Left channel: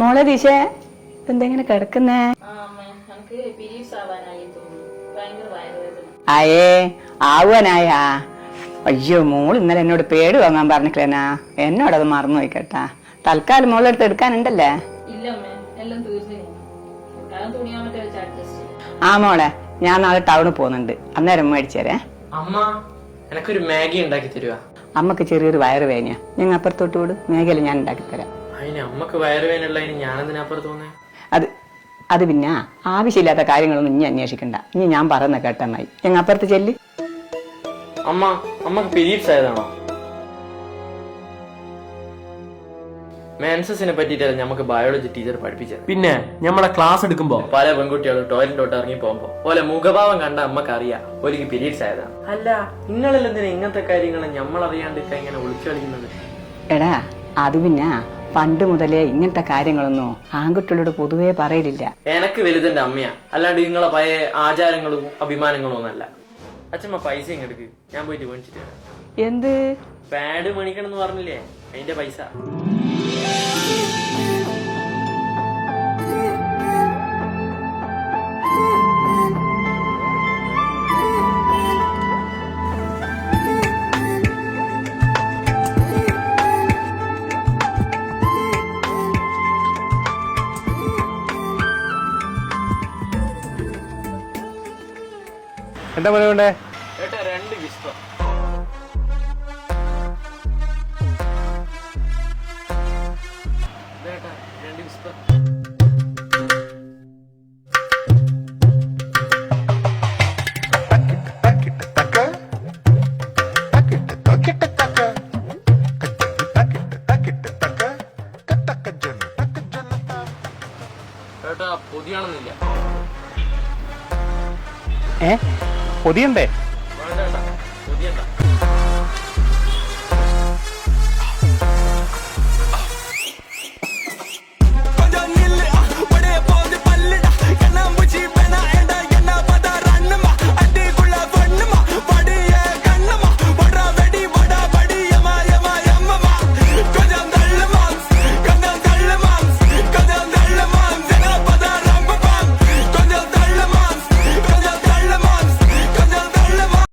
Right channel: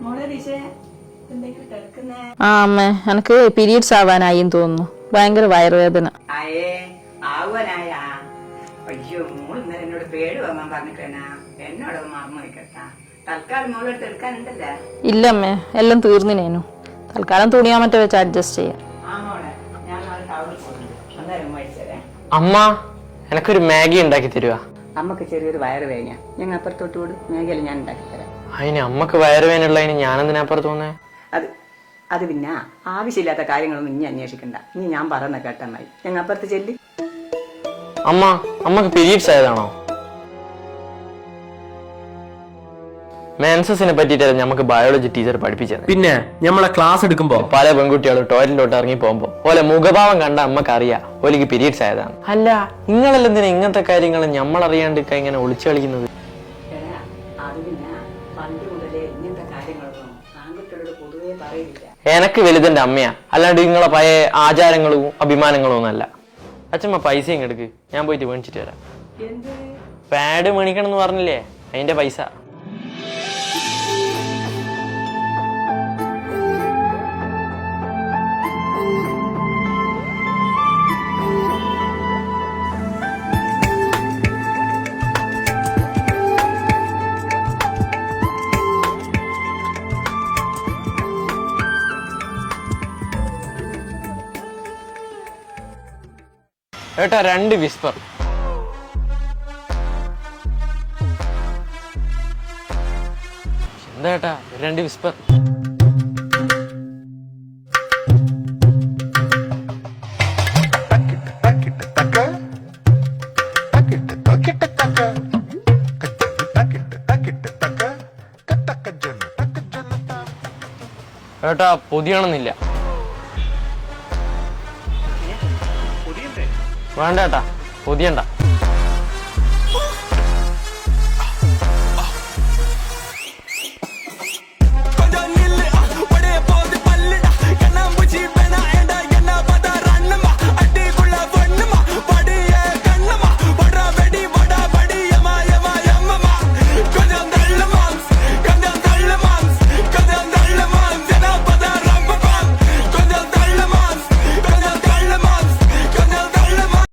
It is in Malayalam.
മോളെ ദിശേ എന്തെങ്ങനെ കിടക്കുന്നേ? ആ അമ്മ, എനിക്ക് പീരീഡ്സ് ആവാനായിന്ന് തോന്നുന്നു. ഭയങ്കര വയറുവേദന. ആയേ ആവാനായാ? അയ്യോ, മോൾ ഇന്നലെ എന്നോട് പേട് വാങ്ങാൻ പറഞ്ഞിട്ടില്ലേനാ. എന്നോടത് മറന്നു പോയിക്കട്ടാ. തൽക്കാലം മോളെടുത്ത് എടുക്കാനുണ്ടല്ലേ? ഇല്ലമ്മേ, എല്ലാം തീർന്നിനേനു. തൽക്കാലം തുണിയാ മറ്റോ വെച്ച് അഡ്ജസ്റ്റ് ചെയ്യാം. ആ മോളെ, ഞാൻ നാളെ ടൗണിൽ പോകുന്നുണ്ട്. അന്നേരം മേടിച്ചേരേ. അമ്മ, എനക്കൊരു മാഗി ഉണ്ടാക്കി തരുക. അമ്മക്ക് ചെറിയൊരു വയറ് വേദനയാ. ഞങ്ങൾ അപ്പുറത്തോട്ട് വിട്, മേഘല ഞാൻ ഉണ്ടാക്കി തരാം. അതിന് അമ്മക്ക് വയറുവേനുള്ളതിന് ഞാനെന്തിനപ്പുറത്ത് തോന്നേ? അത് പിന്നെ ആവശ്യമില്ലാത്ത കാര്യങ്ങളൊന്നും ഇനി അന്വേഷിക്കണ്ട. ഇനി ഞാൻ പറയുന്ന കേട്ടെന്നായി. ഞങ്ങൾ അപ്പുറത്ത് ചെല്ലി. അമ്മ, അമ്മക്ക് പീരീഡ്സ് ആയതാണോ? മെൻസസിനെ പറ്റിയിട്ടല്ല നമുക്ക് ബയോളജി ടീച്ചർ പഠിപ്പിച്ചത്. പിന്നെ നമ്മളെ ക്ലാസ് എടുക്കുമ്പോ പല പെൺകുട്ടികളും ടോയ്ലറ്റിലോട്ട് ഇറങ്ങി പോകുമ്പോ ഓലെ മുഖഭാവം കണ്ട അമ്മക്ക് അറിയാം ഓലിക്ക് പീരീഡ്സ് ആയതാണ്. അല്ല, നിങ്ങളെല്ലാം എന്തിനാ ഇങ്ങനത്തെ കാര്യങ്ങൾ നമ്മളറിയാണ്ട് ഇങ്ങനെ ഒളിച്ചു കളിക്കുന്നത്? എടാ, അത് പിന്നെ പണ്ട് മുതലേ ഇങ്ങനത്തെ കാര്യങ്ങളൊന്നും ആൺകുട്ടികളോട് പൊതുവേ പറയലില്ല. എനക്ക് വലുതെന്റെ അമ്മയാ, അല്ലാണ്ട് നിങ്ങളെ പഴയ ആചാരങ്ങളും അഭിമാനങ്ങളും ഒന്നല്ല. അച്ഛമ്മ പൈസ ഇങ്ങെടുക്ക്, ഞാൻ പോയിട്ട് മേടിച്ചിട്ട് വരാം. എന്ത് പാഡ് മേടിക്കണം എന്ന് പറഞ്ഞില്ലേ, അതിന്റെ പൈസ. എന്താ പണി വേണ്ടേ? ഏട്ടാ, 2 വിസ്പർ. എന്താ ഏട്ടാ 2 വിസ്പർ? ഏട്ടാ, പൊതിയണമെന്നില്ല. പൊതിയണ്ടേ? വേണ്ട ഏട്ടാ, പൊതിയണ്ട.